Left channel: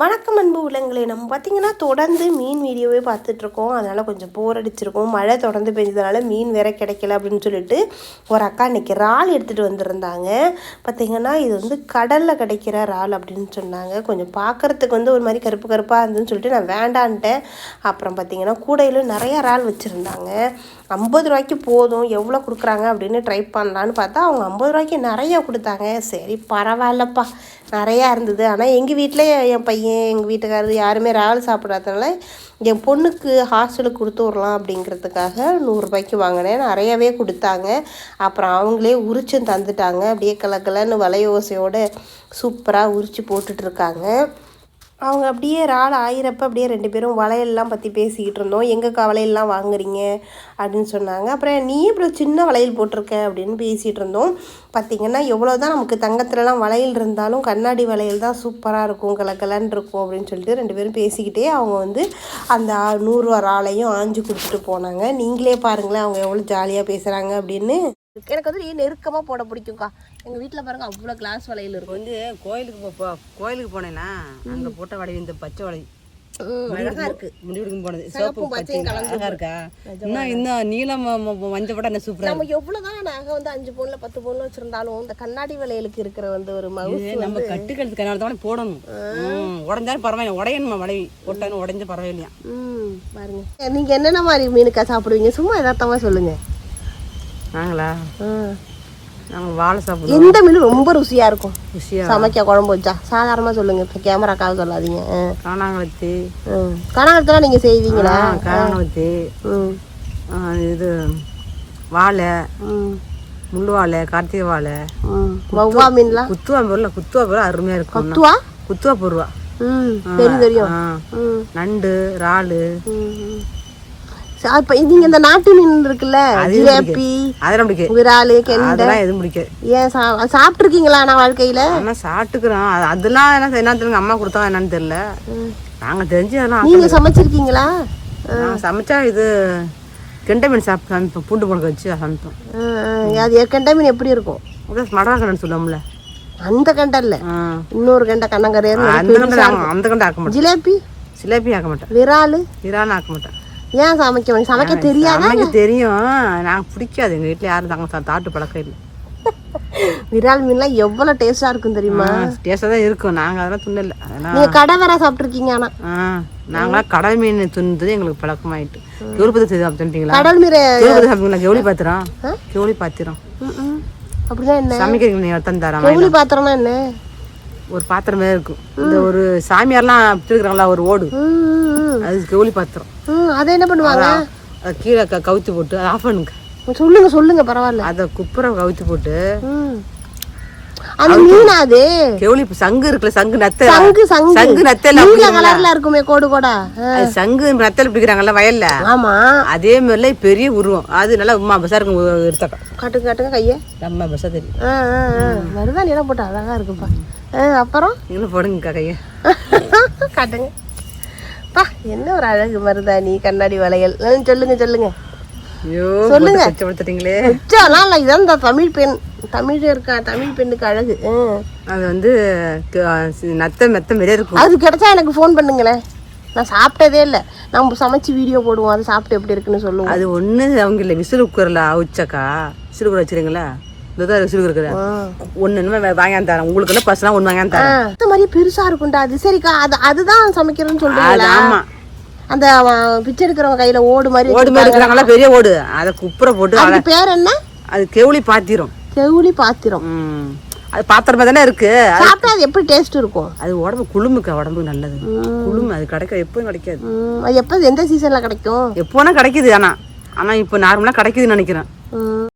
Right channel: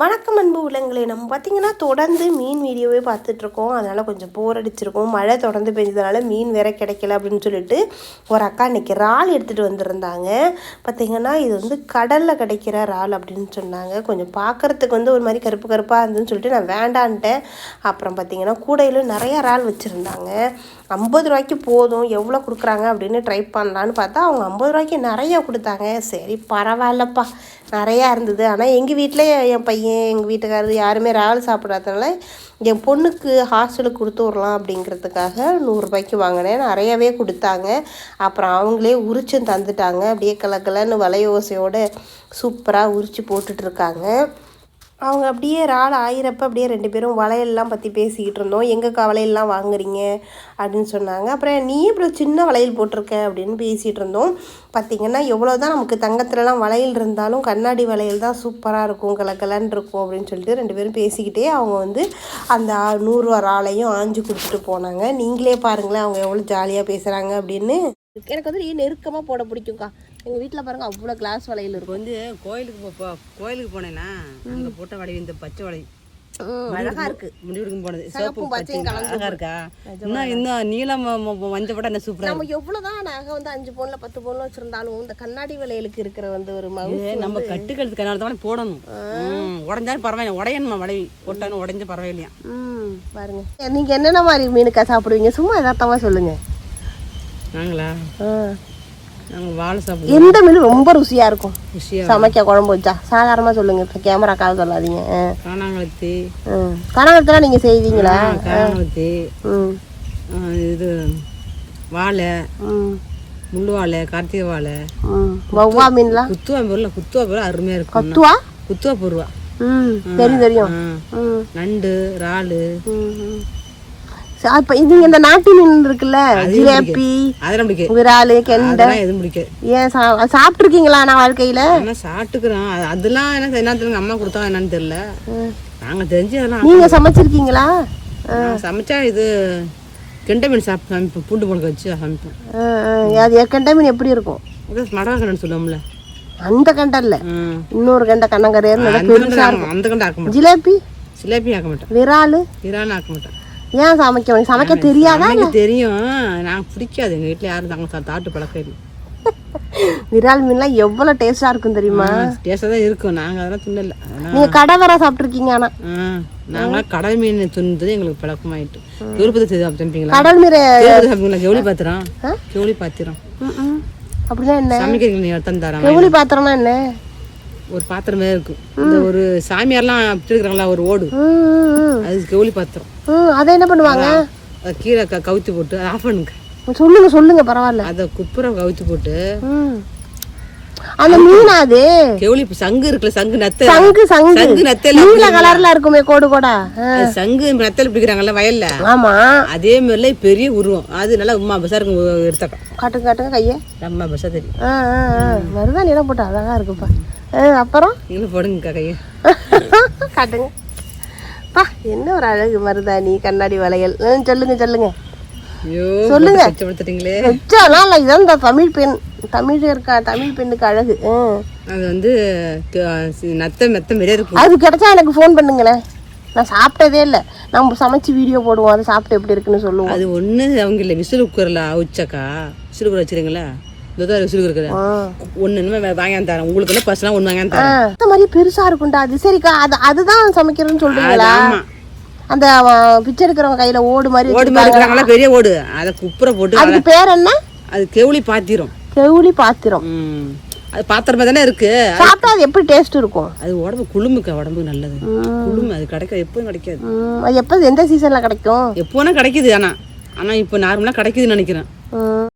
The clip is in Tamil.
வணக்கம் அன்பு உள்ளங்களே. நம்ம பார்த்தீங்கன்னா தொடர்ந்து மீன் வீடியோவே பார்த்துட்ருக்கோம் அதனால் கொஞ்சம் போர் அடிச்சிருக்கோம். மழை தொடர்ந்து பெஞ்சதுனால மீன் வேற கிடைக்கல அப்படின்னு சொல்லிட்டு ஒரு அக்கா இன்னைக்கு இறால் எடுத்துகிட்டு வந்திருந்தாங்க. பார்த்தீங்கன்னா இது வந்து கடலில் கிடைக்கிற இறால் அப்படின்னு சொன்னாங்க. கொஞ்சம் பார்க்குறதுக்கு வந்து ஒரு மாதிரி கருப்பு கருப்பாக இருந்துன்னு சொல்லிட்டு நான் வேண்டான்ட்டேன். அப்புறம் பார்த்திங்கன்னா கூடையிலும் நிறையா இறால் வச்சுருந்தாங்க. ஐம்பது ரூபாய்க்கு போதும் எவ்வளோ கொடுக்குறாங்க அப்படின்னு ட்ரை பண்ணலான்னு பார்த்தா அவங்க ஐம்பது ரூபாய்க்கு நிறையா கொடுத்தாங்க. சரி பரவாயில்லப்பா. நிறையா இருந்தது. ஆனால் எங்கள் வீட்டில் என் பையன் எங்கள் வீட்டுக்காரர் யாருமே ராவல் சாப்பிடாதனால என் பொண்ணுக்கு ஹாஸ்டலுக்கு கொடுத்து விடலாம் அப்படிங்கிறதுக்காக நூறுரூபாய்க்கு வாங்கினேன். நிறையவே கொடுத்தாங்க. அப்புறம் அவங்களே உரிச்சும் தந்துட்டாங்க. அப்படியே கலக்கலன்னு வலையோசையோடு சூப்பராக உரிச்சு போட்டுட்ருக்காங்க அவங்க அப்படியே இறால் ஆயிரப்ப அப்படியே ரெண்டு பேரும் வளையல்லாம் பற்றி பேசிக்கிட்டு இருந்தோம். எங்கக்கா வளையல்லாம் வாங்குறீங்க? அப்படின்னு சொன்னாங்க. அப்புறம் நீ இப்படி சின்ன வளையல் போட்டிருக்க? அப்படின்னு பேசிகிட்டு இருந்தோம். பார்த்திங்கன்னா எவ்வளோ தான் நமக்கு தங்கத்துலலாம் வளையல் இருந்தாலும் கண்ணாடி வளையல் தான் சூப்பராக இருக்கும் கலக்கலன்னு இருக்கும் அப்படின்னு சொல்லிட்டு ரெண்டு பேரும் பேசிக்கிட்டே அவங்க வந்து அந்த நூறுரூவா நூறு இறாலையும் ஆஞ்சு கொடுத்துட்டு போனாங்க. நீங்களே பாருங்களேன் அவங்க எவ்வளோ ஜாலியாக பேசுகிறாங்க அப்படின்னு. எனக்கு வந்து நெருக்கமாக போட பிடிக்கும்க்கா. எங்கள் வீட்டில் பாருங்கள் அவ்வளோ கிளாஸ் வளையல் இப்போ வந்து கோயிலுக்கு போ- கோயிலுக்கு போனேன்னா அங்க போட்ட வடை இந்த பச்சை வடை. அழகா இருக்கு. முடிவுக்கு போனது. சிவப்பு பச்சையும் பச்சை அழகா இருக்கா? இன்னும் இன்னும் நீளம் மஞ்சள் போட்டா என்ன சூப்பரா நம்ம எவ்வளவுதான் நகை வந்து அஞ்சு பவுன்ல பத்து பவுன்ல வச்சிருந்தாலும் இந்த கண்ணாடி வளையலுக்கு இருக்கிற வந்து ஒரு மவுஸ் நம்ம கட்டுக்கிறதுக்கு அதனால தான் போடணும். உடைஞ்சாலும் பரவாயில்ல. உடையணுமா வடை போட்டாலும் உடைஞ்ச பரவாயில்லையா? பாருங்க. நீங்க என்னென்ன மாதிரி மீனுக்கா சாப்பிடுவீங்க? சும்மா எதார்த்தமா சொல்லுங்க. நாங்களா? ஆ. நாங்க வாழை சாப்பிடுவோம். இந்த மீன் ரொம்ப ருசியா இருக்கும். ருசியா சமைக்க குழம்பு வச்சா. சாதாரணமா சொல்லுங்க இப்போ கேமராக்காக சொல்லாதீங்க. ஆ. காணாங்கலத்தி ம் கனவரத்துல நீங்க செய்வீங்களா? காணாங்கலத்தி ம். இது வாழை ம். முள்ளு வாழை. கார்த்திகை வாழை வவ்வா மீன்லாம் குத்துவா பொருள்? குத்துவா பொருள்? அருமையா இருக்கும். துவா குத்துவா பொருவா. நண்டு இறாலு. இப்ப இது இந்த நாட்டு மீன் இருக்குல்ல? ஜிலேபி அதெல்லாம் பிடிக்கும் விராலு அதெல்லாம் எதுவும் பிடிக்காது. ஏன் சா- சாப்பிட்டிருக்கீங்களா நான் வாழ்க்கையில? ஆனா சாப்பிட்டுக்கிறோம். அது- அதெல்லாம் என்ன என்ன தெரியல. அம்மா கொடுத்தாங்க என்னன்னு தெரியல. ம். நாங்க தெரிஞ்சு அதெல்லாம் நீங்க சமைச்சிருக்கீங்களா? நான் சமைச்சா இது கெண்டை மீன் சாப்பிட்டு சமைப்போம். பூண்டு புழக்க வச்சு சமைப்போம். அது கெண்டை மீன் எப்படி இருக்கும்? அப்படியே மடவா கண்டன் சொல்லுவோம்ல. அந்த கெண்டை இல்ல. இன்னொரு கெண்டை கண்ணங்கரையர் அந்த கண்டை அந்த கண்டை ஆக்க மாட்டோம். ஜிலேபி? சிலேபி ஆக்க மாட்டேன் விராலு இறாலும் ஆக்க மாட்டேன் ஏன் சமைக்க? சமைக்க தெரியாது அம்மைக்கு தெரியும். நான் பிடிக்காது. எங்க வீட்டுல யாரும் தாங்க தாட்டு பழக்கம் இல்லை. விரால் மீன்லாம் எவ்வளவு டேஸ்டா இருக்கும் தெரியுமா? டேஸ்டாக தான் இருக்கும். நாங்க அதெல்லாம் துண்ணல அதெல்லாம் கடை வர சாப்பிட்டிருக்கீங்க ஆனா. ஆ நாங்களாம் கடல் மீன் துணுது எங்களுக்கு பழக்கமாயிட்டு. கெவுளிப்பத்தி சாப்பிட்டீங்களா கடல் மீன் கெவுளிப்பத்தி சாப்பிட்டீங்களா கெவுளி பாத்திரம்? கெவுளி பாத்திரம். அப்படின்னா என்ன? சமைக்கிறீங்க நீ எடுத்து தரேன் கவுளி பாத்திரம்னா என்ன? ஒரு பாத்திரமே இருக்கும். இந்த ஒரு சாமியார்லாம் வச்சிருக்கிறாங்களா ஒரு ஓடு. அது கெவுளி பாத்திரம். அதை என்ன பண்ணுவாங்க? கீழே கவுத்தி போட்டு அதை ஆஃப் பண்ணுங்க. சொல்லுங்க சொல்லுங்க பரவாயில்ல. அதை குப்புற கவுத்தி போட்டு. அந்த மீனா அது. கெவுளி சங்கு இருக்குல்ல சங்கு நத்தை. சங்கு சங்கு. சங்கு நத்தையில கலர்ல இருக்குமே கோடு கோடா. சங்கு நத்தையில பிடிக்கிறாங்கல்ல வயல்ல. ஆமா. அதே மாதிரில பெரிய உருவம். அது நல்லா உமா பசா இருக்கும் எடுத்தக்கா காட்டுங்க காட்டுங்க கைய. நம்ம பசா தெரியும். எல்லாம் போட்டு அழகா இருக்குப்பா அப்புறம்? நீங்களும் போடுங்க கையை. காட்டுங்க. என்ன ஒரு அழகு மருதாணி கண்ணாடி வளையல். சொல்லுங்க சொல்லுங்க. உச்சாலாம் இல்ல. இதான் இந்த தமிழ் பெண் தமிழ் இருக்கா தமிழ் பெண்ணுக்கு அழகு. அது வந்து நத்தை மெத்த மாதிரியே இருக்கும். அது கிடைச்சா எனக்கு ஃபோன் பண்ணுங்களேன். நான் சாப்பிட்டதே இல்லை. நம்ம சமைச்சு வீடியோ போடுவோம். அதை சாப்பிட்டு எப்படி இருக்குன்னு சொல்லுவோம். அது ஒண்ணு அவங்க இல்ல. விசில் குக்கர்ல அவிச்சாக்கா விசில் குக்கர் வச்சிருங்களா இதுதான் விசில் குக்கர் ஆ. ஒண்ணு இன்னுமே வாங்கி தரேன். உங்களுக்கு என்ன பசலாம் ஒண்ணு வாங்கி ஆ, தரேன். அந்த மாதிரி பெருசா இருக்கும்டா. அது சரிக்கா அது அதுதான் சமைக்கிறதுன்னு அது சொல்றீங்களா ஆமா. அந்த பிச்சை எடுக்கிறவங்க கையில ஓடு மாதிரி ஓடு மாதிரி இருக்கிறாங்களா? பெரிய ஓடு. அதை குப்புற போட்டு அது பேர் என்ன? அது கெவுளி பாத்திரும். செவுளி பாத்திரம். அது பாத்திரமா தானே இருக்கு? சாப்பிட்டா அது எப்படி டேஸ்ட் இருக்கும்? அது உடம்பு குளுமுக்கா உடம்புக்கு நல்லது. ம். குளுமை அது கிடைக்க எப்பவும் கிடைக்காது. அது எப்போ எந்த சீசன்ல கிடைக்கும்? எப்போனா கிடைக்குது ஆனா. ஆனா இப்போ நார்மலா கிடைக்குதுன்னு நினைக்கிறேன்.